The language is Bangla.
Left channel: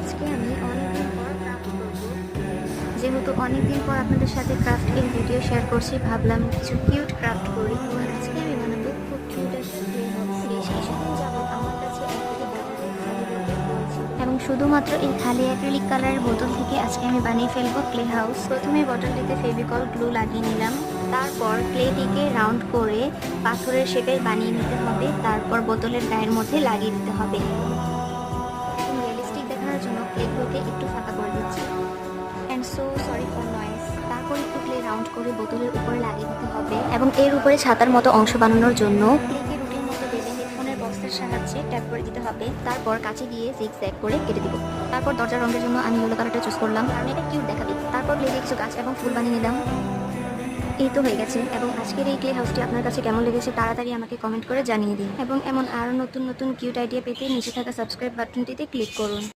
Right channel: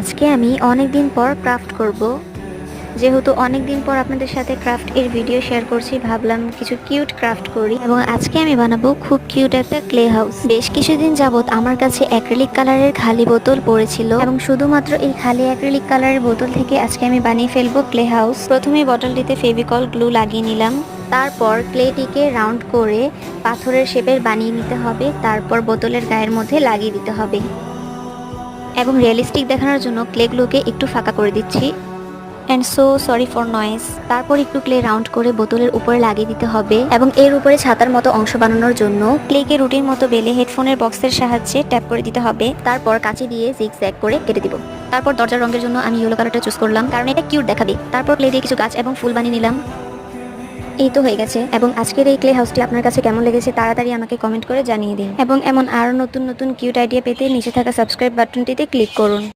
আজকে আমি অনেক দিন পর ক্রাফট করব। যেহেতু অনেক দিন পর আপনাদের সাথে ক্রাফট এর ভিডিও শেয়ার করছি, ভাবলাম কিছু কিউট ক্রাফট করি। এবং আজকে আমি বানাবো খুব কিউট একটা ক্লে হাউস। বেশ কিছুদিন যাবত আমার কাছে অ্যাক্রিলিক কালারের খালি বোতল পড়েছিল এবং শুধুমাত্র এই খালি অ্যাক্রিলিক কালারের বোতল থেকে আজকে আমি বানিয়ে ফেলবো ক্লে হাউস। প্রথমে বোতলটিতে ফেভিকল গ্লু লাগিয়ে নিলাম। তারপর ক্লেটিকে রাউন্ড করে পাথরের শেপের বানিয়ে নিতে হবে। তারপর বোতলের গায়ের মধ্যে লাগিয়ে দিতে হবে এবং রিয়েলিস্টিক দেখানোর জন্য ক্লেগুলোকে একটু ফাঁকা করে দিচ্ছি। And so sorry for noise. তারপর একটু ক্লে রাউন্ড করে বোতলের উপরে লাগিয়ে দিতে হবে এবং এর উপরে ছাতার মতো অংশ বানানোর জন্য ক্লেকে রুটির মতো বেলে হেডফোনের বক্সের সাহায্যে ট্যাপ করে দিতে হবে। তারপর কাঁচি দিয়ে জিগজ্যাগ করে কেটে দিব। তারপর দরজার রঙের জন্য আমি ইয়েলো কালারটা চুজ করলাম, কারণ এটা কিউট দেখাবে। তারপর ক্লে দিয়ে কিছু গাছ এবং ফুল বানিয়ে নিলাম। এই তো হয়ে গেছে। এবং আজকের এই ক্লে হাউসটি আপনার কাছে কেমন লেগেছে তাড়াতাড়ি আমাকে কমেন্ট করে জানিয়ে দিন। এবং এমন আরও নতুন নতুন কিউট আইডিয়া পেতে নিচে থাকা সাবস্ক্রাইব বাটনটিতে ক্লিক করুন।